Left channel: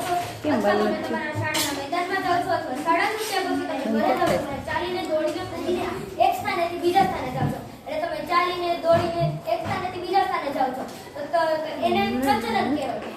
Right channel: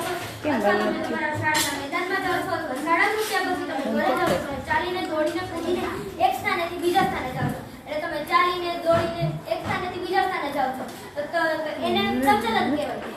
છો અથવા તમે તમારા શાળાના મેદાનમાં જાઓ છો અથવા શાળા છૂટ્યા પછી તમે ઘરે જાઓ છો ચાલીને દોડીને કૂદીને એક સ્થાનેથી બીજા સ્થાને જાઓ છો એટલે તમે ચાલીને દોડીને એક સ્થાનેથી બીજા સ્થાને જાઓ છો તો એને પ્રચલન કહેવાય